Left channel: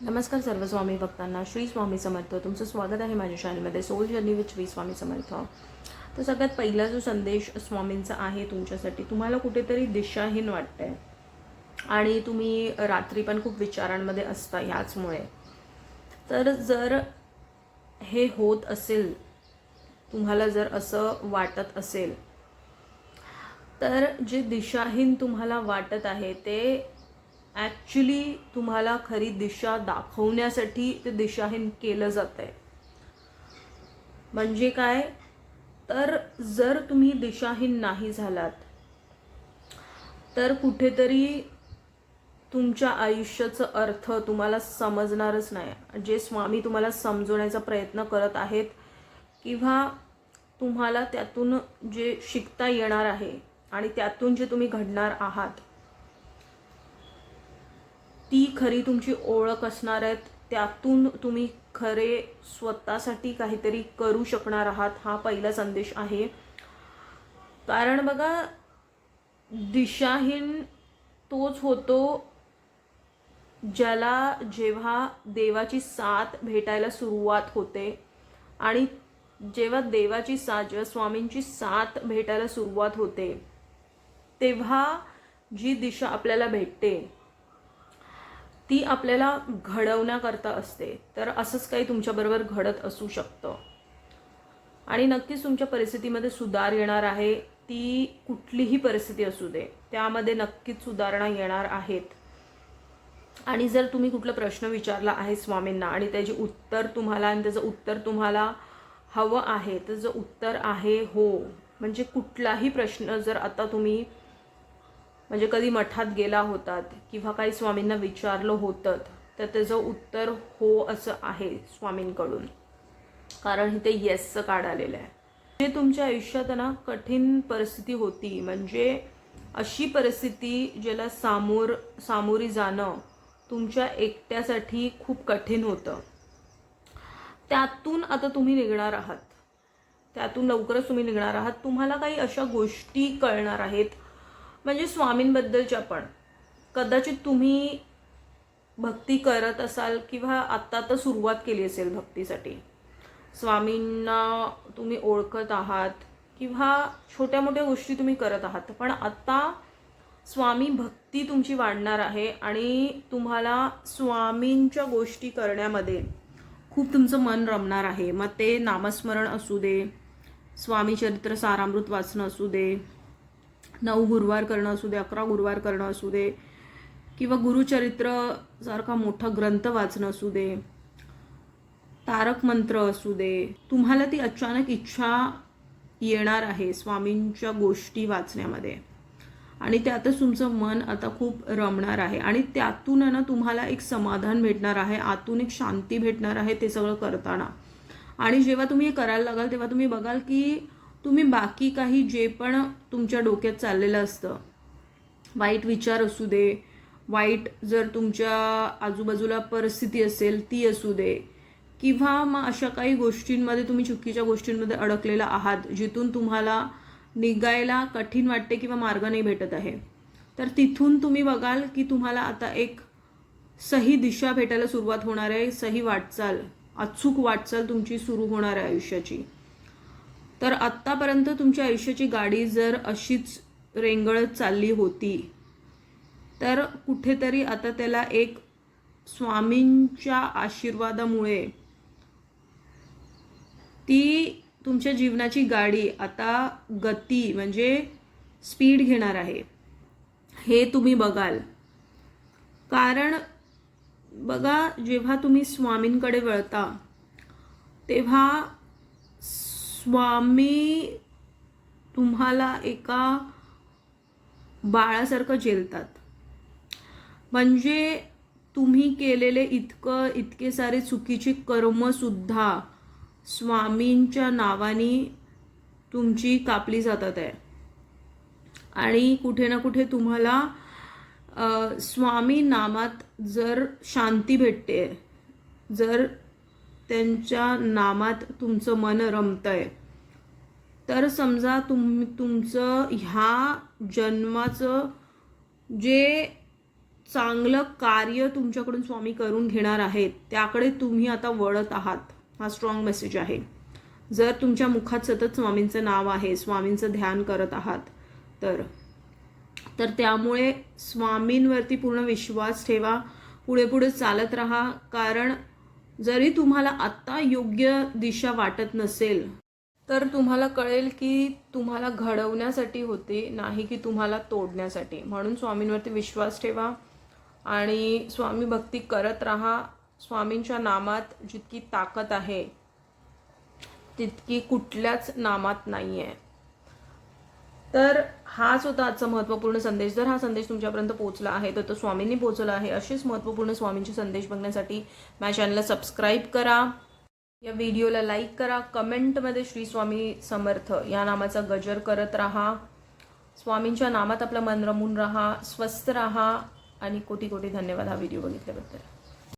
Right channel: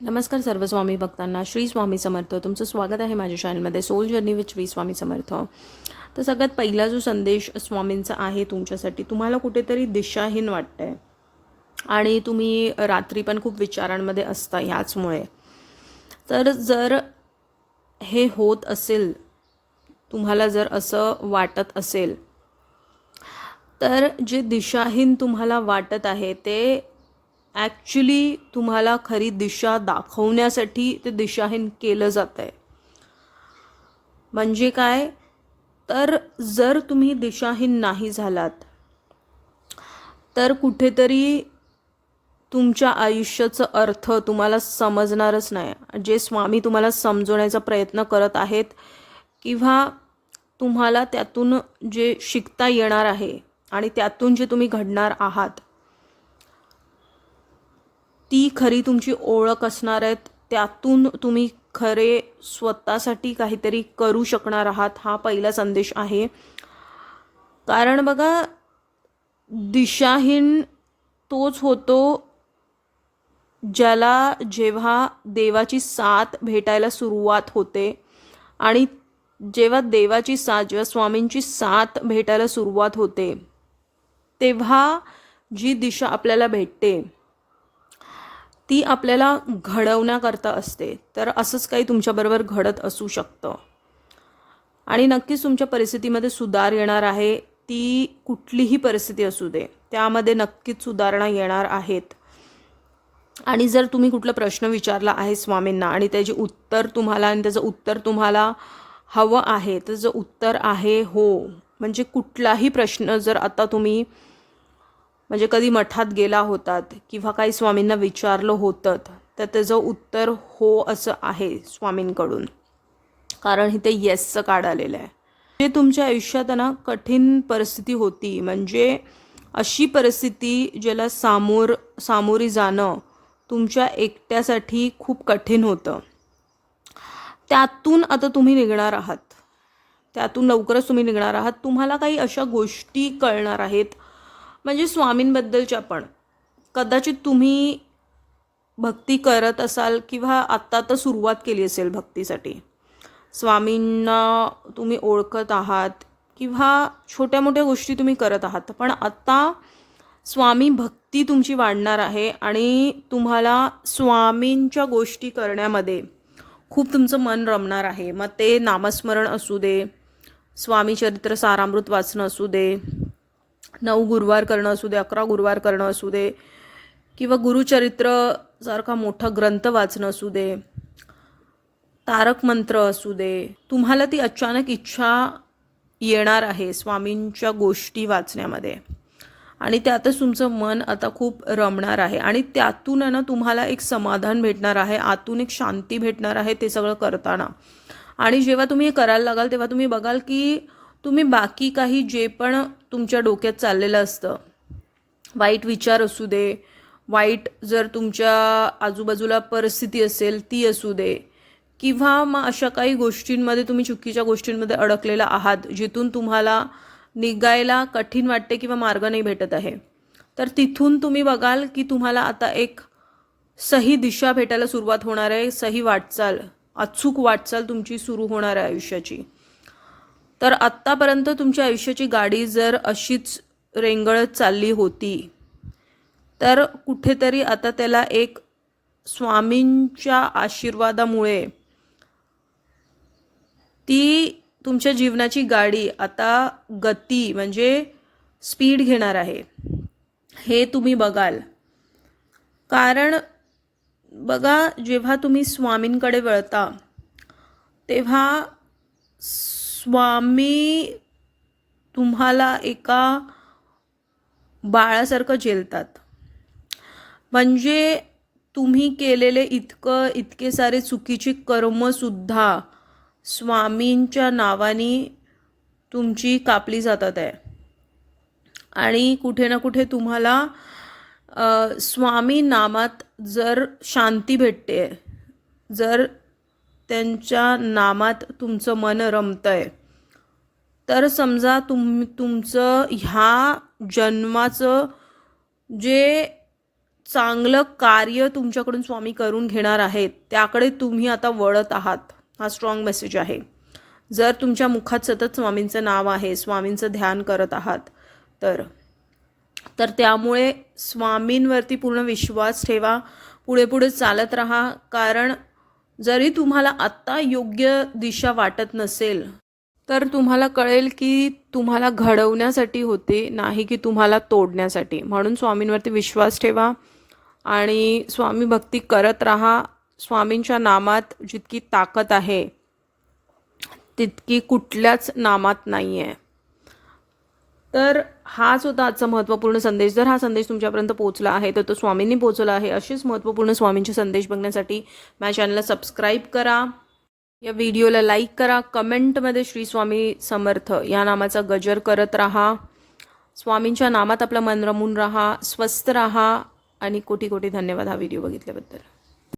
नमस्कार सर्व स्वामी भक्तांना. श्री स्वामी समर्थ. तुमचं स्वागत आहे माझ्या चॅनलमध्ये soul journey with Shri Swami Samarth. तर सगळ्यात पहिला जो संदेश स्वामींचा आहे तुमच्यासाठी, तुम्हाला कुठेतरी दिशाहीन वाटतंय आणि तुम्ही रात्री पण खूप विचारांमध्ये असता ह्याचमुळे. तर जर हे होत असेल, तुम्हाला जर असं वाटत असेल, तर जे दिशाहीन तुम्हाला वाटत आहे ते ॲक्च्युली तुम्हाला खरी दिशा दाखवण्यासाठी ते दिशाहीन केलं जात आहे. म्हणजे काय, तर जर तुम्ही दिशाहीन नाही झालात तर कुठेतरी तुमच्या आयुष्याचा अर्थ तुम्हाला समजणारच नाही. जे स्वामी तुम्हाला समजवण्याचा प्रयत्न करत आहेत किंवा तुम्हाला त्यातून जे शिकता येणार आहे आणि त्यातून जे तुम्ही घडणार आहात, ती खरी तुमची ओळख असणार आहेत. त्यातून तुम्ही खरे स्वतःसाठी काहीतरी करू शकणार आहात. हा पहिला संदेश आहे. कारण बघा, दिशाहीन तोच होतो ज्याला जेव्हा देवाची साथ भेटायला सुरुवात होते. आणि जेव्हा देवाची साथ, जेव्हा स्वामींची साथ भेटायला सुरुवात होते, तेव्हा जी दिशा आपल्याला भेटते ती आपल्याला घडवण्याकरता असते. तर असंच काही तुमच्याबरोबर घडत असू शकतं आणि नक्कीच तुमच्या परिस्थितीमध्ये सुधार येणार आहे. ती कुठलीही परिस्थिती असू दे, त्यामध्ये नक्कीच सुधारणा येणार आहेत. आणि जर तुम्ही कुठला प्रश्न विचारला आहे स्वामींना आणि त्याची उत्तर तुम्हाला आणि त्याचं उत्तर तुम्हाला हवं आहे, त्याचं उत्तर आहे हो. म्हणजे कुठलाही प्रश्न जर आता तुम्ही म्हणजे कधी मठात गेला होतात किंवा काही स्वामींना विचारलं होतं, तर त्याचं उत्तर हो असं आहे स्वामींकडून. कारण इथे येसचं कार्ड आलेलं आहे. जे तुमच्या आयुष्यात ना कठीण परिस्थिती होती, म्हणजे अशी परिस्थिती ज्याला सामोरी जाणं तुमच्या एकट्यासाठी खूप कठीण होतं, त्यातून आता तुम्ही निघणार आहात. त्यातून लवकरच तुम्ही निघणार आहात. तुम्हाला काही अशा गोष्टी कळणार आहेत, म्हणजे स्वामींबद्दलच्या पण. कदाचित तुम्ही भक्ती करत असाल किंवा आत्ता तर सुरुवात केली असेल भक्तीसाठी. स्वामींना तुम्ही ओळखत आहात किंवा छोट्या मोठ्या गोष्टी तुम्ही करत आहात, पण आता स्वामी भक्ती तुमची वाढणार आहे आणि तुम्हाला स्वामींच्या गोष्टी करण्यामध्ये खूप तुमचं मन रमणार आहे. मग ते नामस्मरण असू दे, स्वामी चरित्र सारामृत वाचणं असू दे, 9 गुरुवार करणं असू दे, 11 गुरुवार करणं असू दे, किंवा गुरुचरित्र सारखा मोठा ग्रंथ वाचणं असू दे, तारक मंत्र असू दे. तुम्हाला ती अचानक इच्छा येणार आहे स्वामींच्या गोष्टी वाचण्यामध्ये आणि त्यातच तुमचं मन आता खूप रमणार आहे आणि त्यातून ना तुम्हाला एक समाधान भेटणार आहे, आतून एक शांती भेटणार आहे ते सगळं करताना. आणि जेव्हा तुम्ही हे करायला लागाल तेव्हा तुम्ही बघाल की तुम्ही बाकी काही जे पण तुमच्या डोक्यात चाललेलं असतं, वाईट विचार असू दे, वाईट जर तुमच्या आजूबाजूला परिस्थिती असेल ती असू दे, किंवा मग अशा काही गोष्टींमध्ये तुम्ही चुकीच्या गोष्टींमध्ये अडकलेला आहात जिथून तुम्हाला निघायला कठीण वाटते किंवा मार्ग नाही भेटत आहे, तर तिथून तुम्ही बघाल की तुम्हाला आता एक सही दिशा भेटायला सुरुवात होणार आहे. सही वाटचाल, अचूक वाटचाल तुमची सुरू होणार आहे आयुष्याची. तर आत्तापर्यंत तुमच्या आयुष्याची गाडी जर अशीच रेंगळत चालली होती, तर कुठेतरी आता त्याला एक स्वामींच्या आशीर्वादामुळे ती तुमच्या जीवनाची गाडी आता गती म्हणजे स्पीड घेणार आहे, हे तुम्ही बघाल. कारण बघा, जेव्हा तुम्ही स्वामींकडे वळता तेव्हा स्वामी तुम्हाला एका बाळासारखं झेलतात. म्हणजे तुम्ही केलेले इतके सारे चुकीची कर्मसुद्धा स्वामींच्या नावाने तुमची कापली जातात आहे. आणि कुठे ना कुठे तुम्हाला स्वामी नामात जर शांती भेटते, जर त्यांच्या नामात तुमचं मन रमतंय, तर समजा तुमचं ह्या जन्माचं जे चांगलं कार्य तुमच्याकडून स्वामी करून घेणार आहेत, त्याकडे तुम्ही आता वळत आहात. हा स्ट्रॉंग मेसेज आहे. जर तुमच्या मुखात सतत स्वामींचं नाव आहे, स्वामींचं ध्यान करत आहात, तर त्यामुळे स्वामींवरती पूर्ण विश्वास ठेवा. पुढे पुढे चालत राहा. कारण जरी तुम्हाला आत्ता योग्य दिशा वाटत नसेल, तर तुम्हाला कळेल की तुम्हाला घडवण्यासाठी होते, नाही की तुम्हाला तोडण्यासाठी. म्हणून स्वामींवरती विश्वास ठेवा आणि स्वामी भक्ती करत राहा. स्वामींच्या नामात जितकी ताकद आहे तितकी कुठल्याच नामात नाही आहे. तर हाच होता आजचा महत्त्वपूर्ण संदेश. जर हा संदेश तुमच्यापर्यंत पोहोचला आहे तर तो स्वामींनी पोहोचला आहे. असेच महत्त्वपूर्ण स्वामींचे संदेश बघण्यासाठी माझ्या चॅनलला सबस्क्राईब करा, या व्हिडिओला लाईक करा, कमेंटमध्ये श्री स्वामी समर्थ या नामाचा गजर करत राहा. स्वामींच्या नामात आपलं मन रमून राहा, स्वस्थ राहा आणि कोटी कोटी धन्यवाद हा व्हिडिओ बघितल्याबद्दल.